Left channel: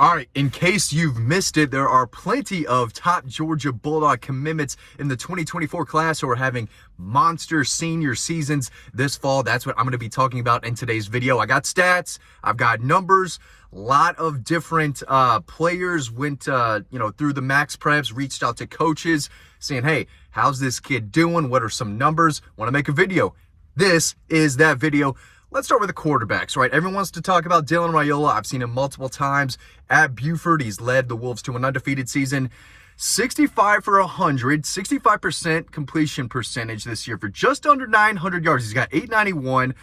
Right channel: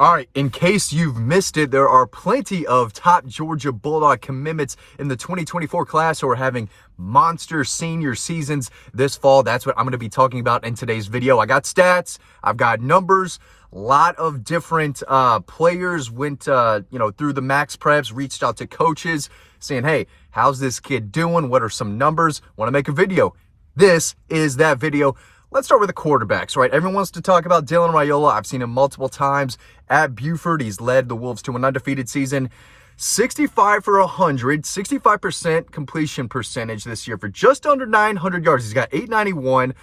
All right, in case you've missed it, there are plenty of top Georgia Bulldog commitments in the 2024 class who are having monster senior seasons this fall. That's what I'm going to be talking about in today's video. I got stats, I've got numbers, a lot of different players went through the max preps, reached out to coaches saying, hey, how's this kid doing? What are some numbers? Want to make a video. This is that video. Let's start with the quarterbacks, right? Everyone wants to talk about Dylan Raiola. I've seen him multiple times at Buford. He's led the Wolves to an undefeated season. 65 for 100, 65% completion percentage this year for just under 900 yards. He's got 891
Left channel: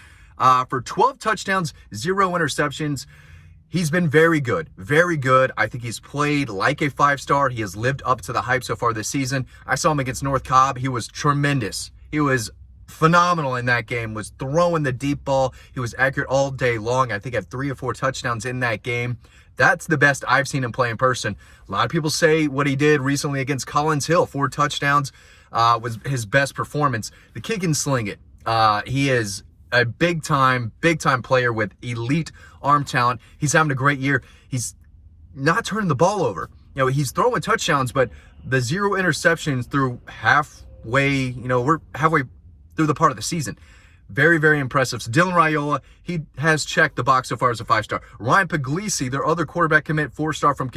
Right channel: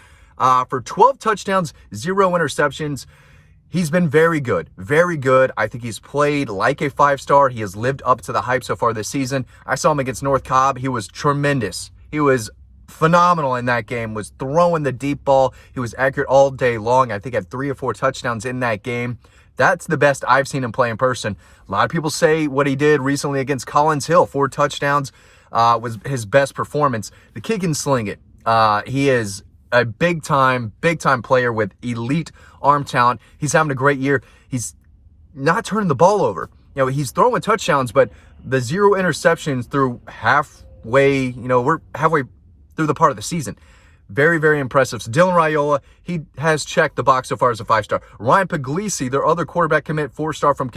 for 12 touchdowns, 0 interceptions. He's been very good, very good. I think he's played like a five-star. He has lived up to the hype so far this season. I saw him against North Cobb. He was tremendous. He was phenomenal in that game, was throwing the deep ball. He was accurate all day long. I think had 3 or 4 touchdowns in that game. That's the best I've seen him play in person. A lot of people say what he did recently against Collins Hill, 4 touchdowns, was his best performance. The kid can sling it. He is a big-time player with elite arm talent. He's having a great year. He's not turning the ball over. He's throwing touchdowns, but the 0 interceptions through halfway, we're halfway through the part of the season. Very, very impressive. So Dylan Raiola, he has checked the box so far as a 5-star. Ryan Puglisi, their other quarterback commit, 4-star from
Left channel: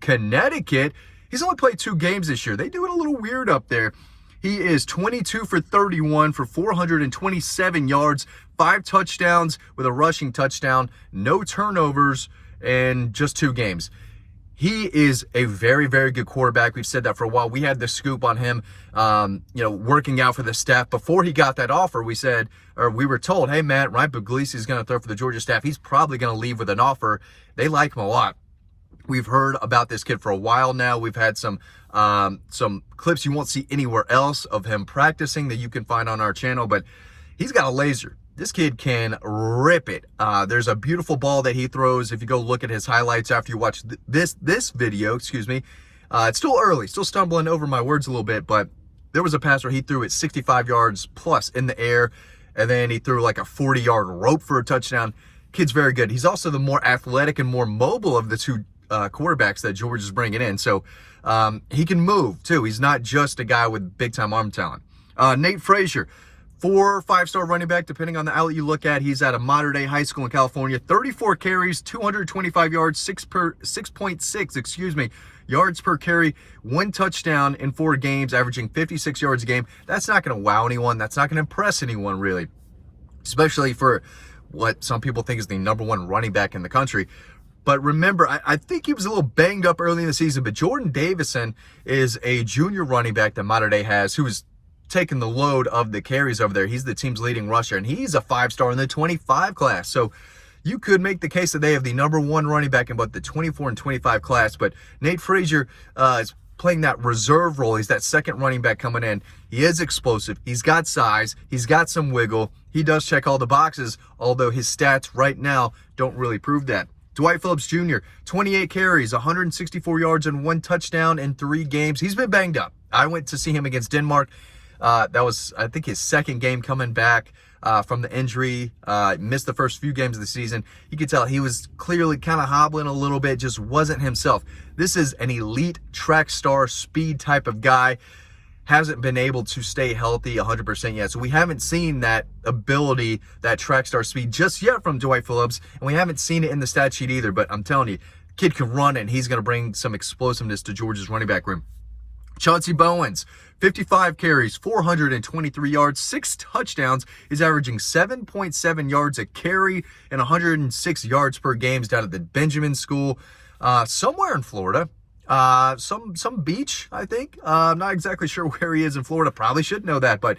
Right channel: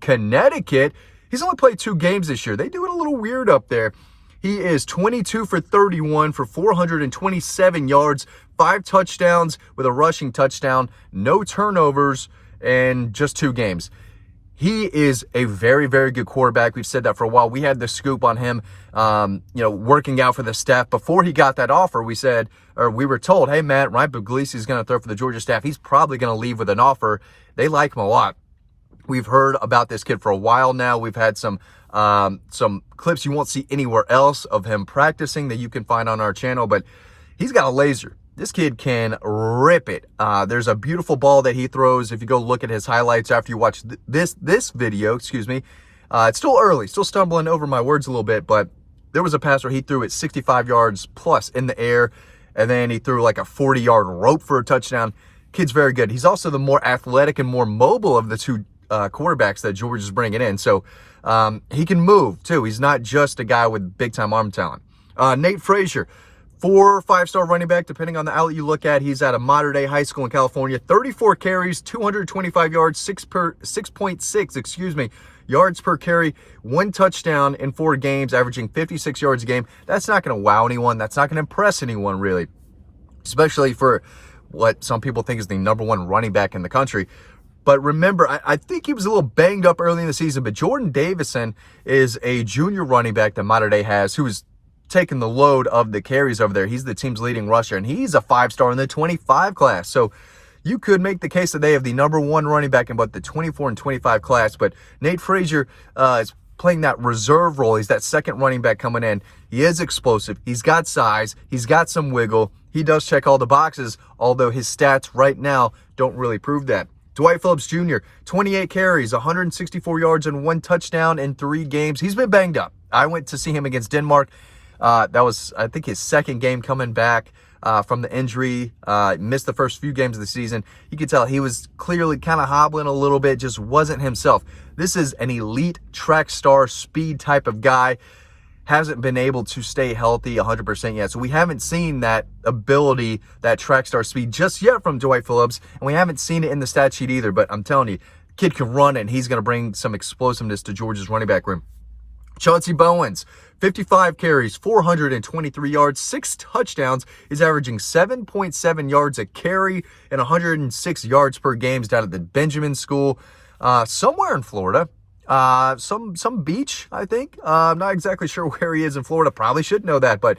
Connecticut. He's only played 2 games this year. They do it a little weird up there. He is 22 for 31 for 427 yards, 5 touchdowns with a rushing touchdown, no turnovers, and just 2 games. He is a very, very good quarterback. We've said that for a while. We had the scoop on him, working out for the staff. Before he got that offer, we were told, hey, Matt, Ryan Puglisi is going to throw for the Georgia staff. He's probably going to leave with an offer. They like him a lot. We've heard about this kid for a while now. We've had some clips you won't see anywhere else of him practicing that you can find on our channel, but he's got a laser. This kid can rip it. There's a beautiful ball that he throws. If you go look at his highlights after you watch this video, it's still early, still stumbling over my words a little bit, but there was a pass where he threw it 65 yards plus in the air, and then he threw like a 40-yard rope for a touchdown. Kid's very good. He's also the more athletic and more mobile of the 2 quarterbacks that George is bringing in. So he can move too. He's not just a guy with big-time arm talent. Nate Frazier, 4 or 5-star running back, depending on the outlet you look at. He's at a modern-day high school in California. 34 carries, 225 yards, 6.6 yards per carry, 1 touchdown in 4 games, averaging 56 yards a game. That's not going to wow anyone. That's not going to impress anyone, really, especially for what some people think is the #1 running back in the country. But remember, I think he was a little banged up early in the season, but Jordan Davison is a junior running back that Mater Dei has, who's taking the load of the carries over there. He's the team's leading rusher, and he's a 5-star in the 25 class. So you could make the case that they have the #1 running back in both the 24 and 25 class, but Nate Frazier is playing that reserve role. He's that second running back coming in. He is explosive. He's got size. He's got some wiggle. He does check all the boxes, although his stats right now don't really prove that. Dwight Phillips Jr., 28 carries, 164 yards, and 1 touchdown in 3 games. He's been banged up. I went to see him against Denmark. That was, I think, his second game coming back from the injury. Missed the first few games of the season. You could tell he was clearly kind of hobbling a little bit, just wasn't himself. This is an elite track star speed type of guy. Hasn't been able to stay healthy 100% yet. So we haven't seen that ability, that track star speed just yet from Dwight Phillips. And we haven't seen it in the stat sheet either. But I'm telling you, kid can run, and he's going to bring some explosiveness to Georgia's running back room. Chauncey Bowens, 55 carries, 423 yards, 6 touchdowns. He's averaging 7.7 yards a carry and 106 yards per game. He's down at the Benjamin School, somewhere in Florida. Some beach, I think. I'm not exactly sure where he is in Florida. Probably should know that, but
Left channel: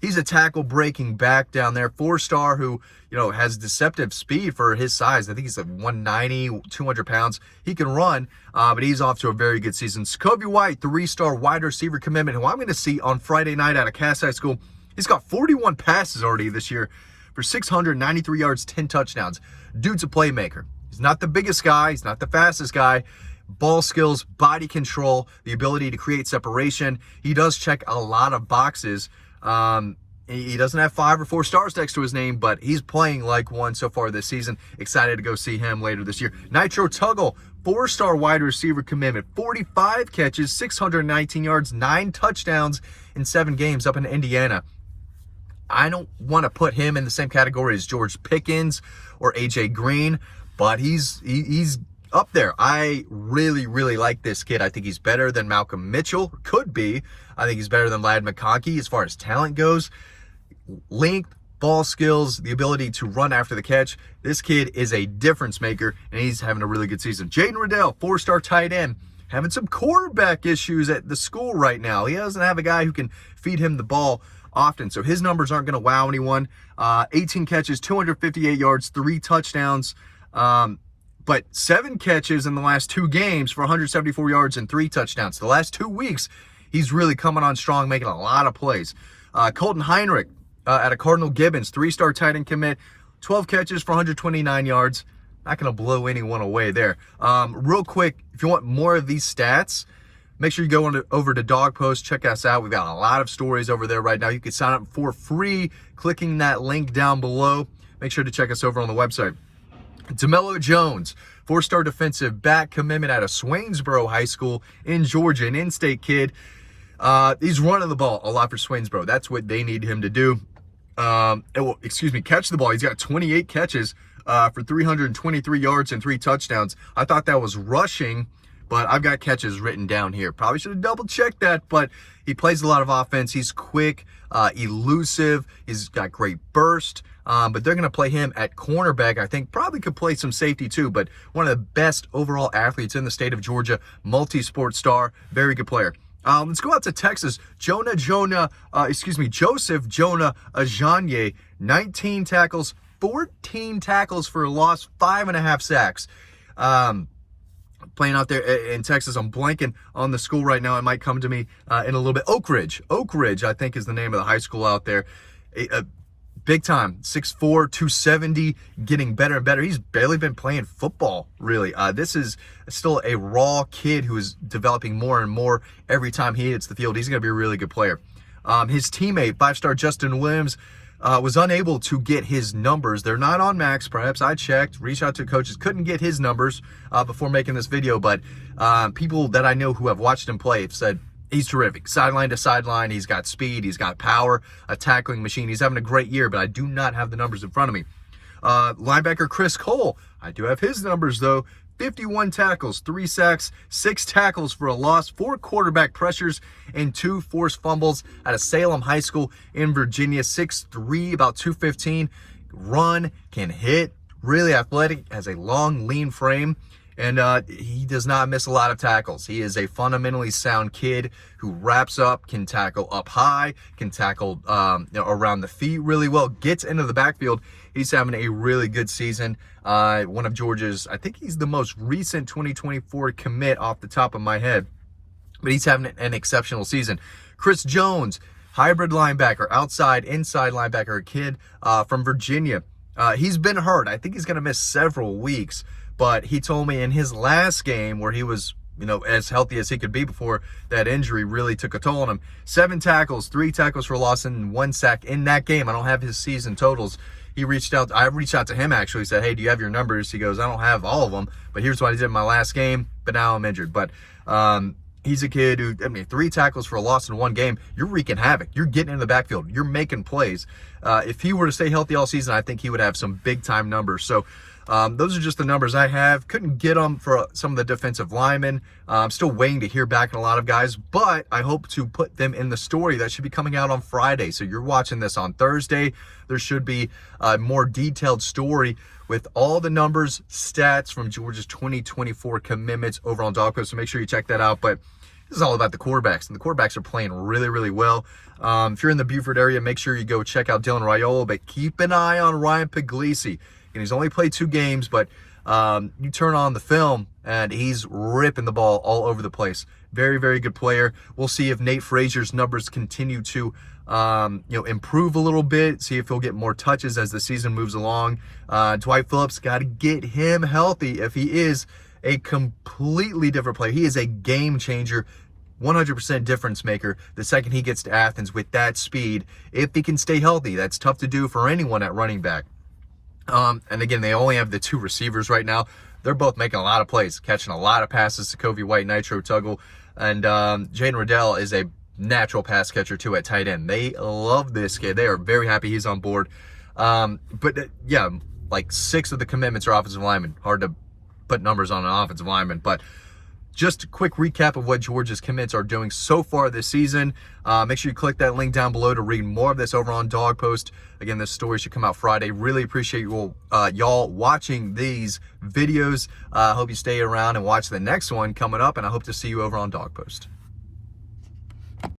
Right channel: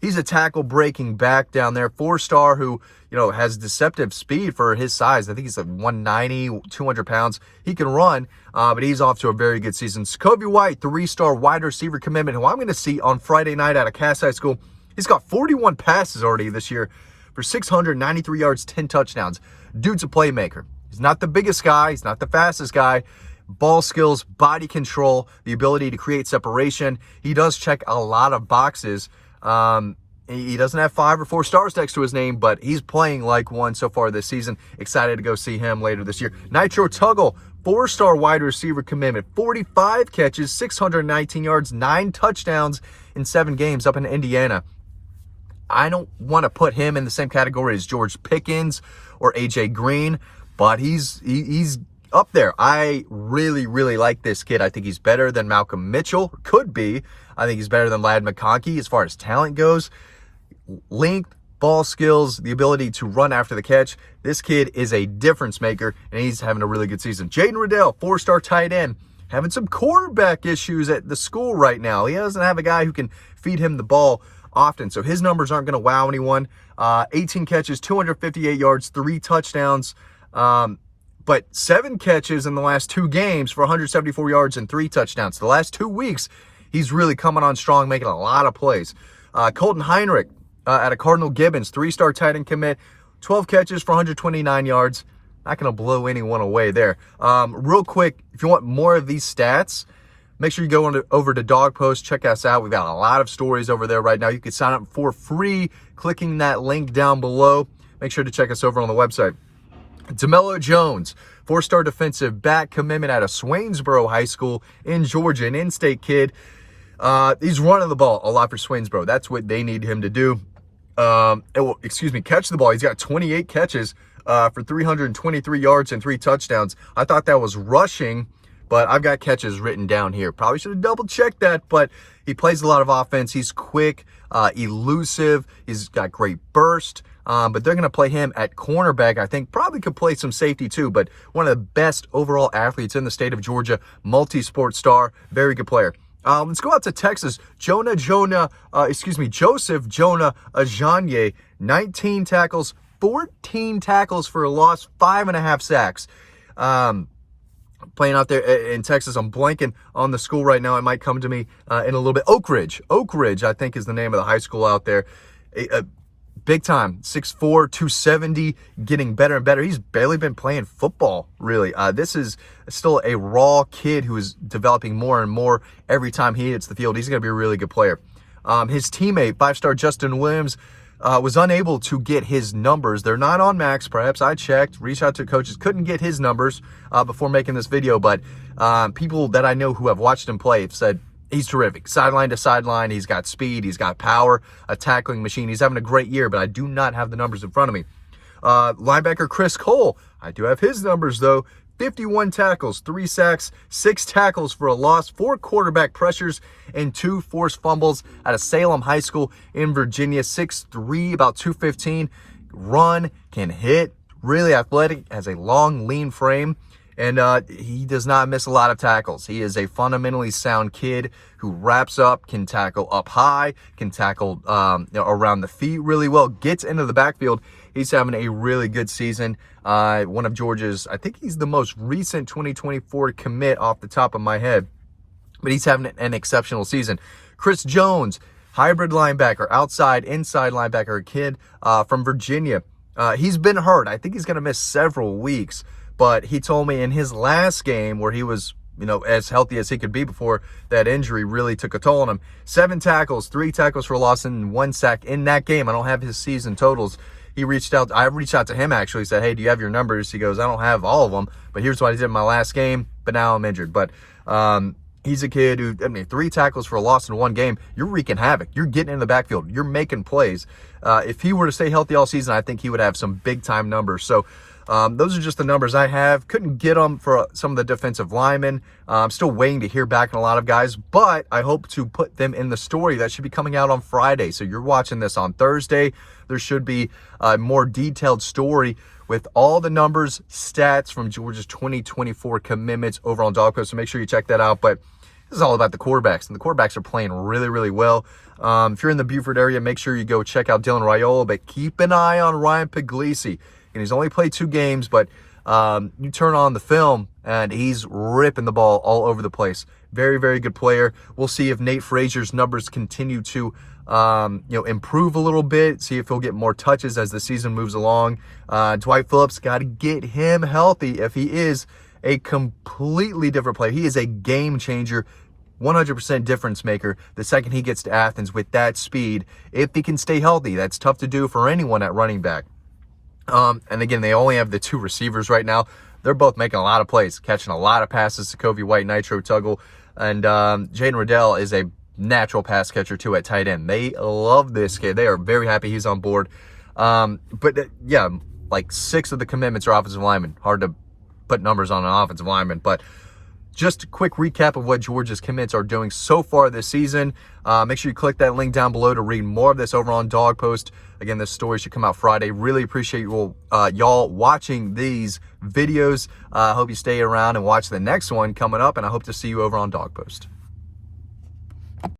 he's a tackle breaking back down there. 4-star who, has deceptive speed for his size. I think he's like 190, 200 pounds. He can run, but he's off to a very good season. Scobie White, 3-star wide receiver commitment, who I'm going to see on Friday night out of Cass High School. He's got 41 passes already this year for 693 yards, 10 touchdowns. Dude's a playmaker. He's not the biggest guy. He's not the fastest guy. Ball skills, body control, the ability to create separation. He does check a lot of boxes. He doesn't have 5 or 4 stars next to his name, but he's playing like one so far this season. Excited to go see him later this year. Nitro Tuggle, 4-star wide receiver commitment, 45 catches, 619 yards, 9 touchdowns in 7 games up in Indiana. I don't want to put him in the same category as George Pickens or AJ Green, but he's up there. I really, really like this kid. I think he's better than Malcolm Mitchell, could be. I think he's better than Ladd McConkey as far as talent goes. Length, ball skills, the ability to run after the catch. This kid is a difference maker, and he's having a really good season. Jaden Riddell, 4-star tight end, having some quarterback issues at the school right now. He doesn't have a guy who can feed him the ball often, so his numbers aren't going to wow anyone. 18 catches, 258 yards, 3 touchdowns, but 7 catches in the last 2 games for 174 yards and 3 touchdowns. The last 2 weeks, he's really coming on strong, making a lot of plays. Colton Heinrich out of Cardinal Gibbons, 3-star tight end commit, 12 catches for 129 yards. Not going to blow anyone away there. Real quick, if you want more of these stats, make sure you go over to Dog Post. Check us out. We've got a lot of stories over there right now. You can sign up for free clicking that link down below. Make sure to check us over on the website. DeMello Jones, 4-star defensive back commitment out of Swainsboro High School in Georgia, an in-state kid. He's running the ball a lot for Swainsboro. That's what they need him to do. Catch the ball. He's got 28 catches for 323 yards and 3 touchdowns. I thought that was rushing, but I've got catches written down here. Probably should have double-checked that, but he plays a lot of offense. He's quick, elusive. He's got great burst. But they're going to play him at cornerback. I think probably could play some safety too, but one of the best overall athletes in the state of Georgia, multi-sport star, very good player. Let's go out to Texas. Joseph Jonah Ajanye, 19 tackles, 14 tackles for a loss, 5.5 sacks. Playing out there in Texas. I'm blanking on the school right now. It might come to me in a little bit. Oak Ridge, I think, is the name of the high school out there. Big time, 6'4", 270, getting better and better. He's barely been playing football, really. This is still a raw kid who is developing more and more every time he hits the field. He's going to be a really good player. His teammate, 5-star Justin Williams, was unable to get his numbers. They're not on max preps. I checked, reached out to coaches, couldn't get his numbers before making this video, but people that I know who have watched him play have said, he's terrific. Sideline to sideline. He's got speed. He's got power. A tackling machine. He's having a great year, but I do not have the numbers in front of me. Linebacker Chris Cole. I do have his numbers, though. 51 tackles, 3 sacks, 6 tackles for a loss, 4 quarterback pressures, and 2 forced fumbles out of Salem High School in Virginia. 6'3", about 215. Run, can hit. Really athletic. Has a long, lean frame. And he does not miss a lot of tackles. He is a fundamentally sound kid who wraps up, can tackle up high, can tackle around the feet really well, gets into the backfield. He's having a really good season. One of Georgia's, I think he's the most recent 2024 commit off the top of my head. But he's having an exceptional season. Chris Jones, hybrid linebacker, outside, inside linebacker, a kid from Virginia. He's been hurt. I think he's going to miss several weeks. But he told me in his last game where he was, as healthy as he could be before that injury really took a toll on him. 7 tackles, 3 tackles for a loss, and 1 sack in that game. I don't have his season totals. I reached out to him actually, said, hey, do you have your numbers? He goes, I don't have all of them, but here's what I did in my last game, but now I'm injured. But he's a kid who, 3 tackles for a loss in 1 game. You're wreaking havoc. You're getting in the backfield. You're making plays. If he were to stay healthy all season, I think he would have some big-time numbers. So those are just the numbers I have. Couldn't get them for some of the defensive linemen. I'm still waiting to hear back on a lot of guys, but I hope to put them in the story that should be coming out on Friday. So you're watching this on Thursday. There should be a more detailed story with all the numbers, stats from Georgia's 2024 commitments over on Dog Post. So make sure you check that out. But this is all about the quarterbacks, and the quarterbacks are playing really, really well. If you're in the Beaufort area, make sure you go check out Dylan Raiola, but keep an eye on Ryan Puglisi. And he's only played 2 games, but you turn on the film, and he's ripping the ball all over the place. Very, very good player. We'll see if Nate Frazier's numbers continue to improve a little bit, see if he'll get more touches as the season moves along. Dwight Phillips, got to get him healthy if he is a completely different player. He is a game changer. 100% difference maker the second he gets to Athens with that speed. If he can stay healthy, that's tough to do for anyone at running back. And again, they only have the 2 receivers right now. They're both making a lot of plays, catching a lot of passes to Kobe White, Nitro Tuggle, and Jaden Riddell is a natural pass catcher too at tight end. They love this kid. They are very happy he's on board. Yeah, like 6 of the commitments are offensive linemen. Hard to put numbers on an offensive lineman, but just a quick recap of what Georgia's commits are doing so far this season. Make sure you click that link down below to read more of this over on Dog Post. Again, this story should come out Friday. Really appreciate you y'all watching these videos. Hope you stay around and watch the next one coming up, and I hope to see you over on Dog Post.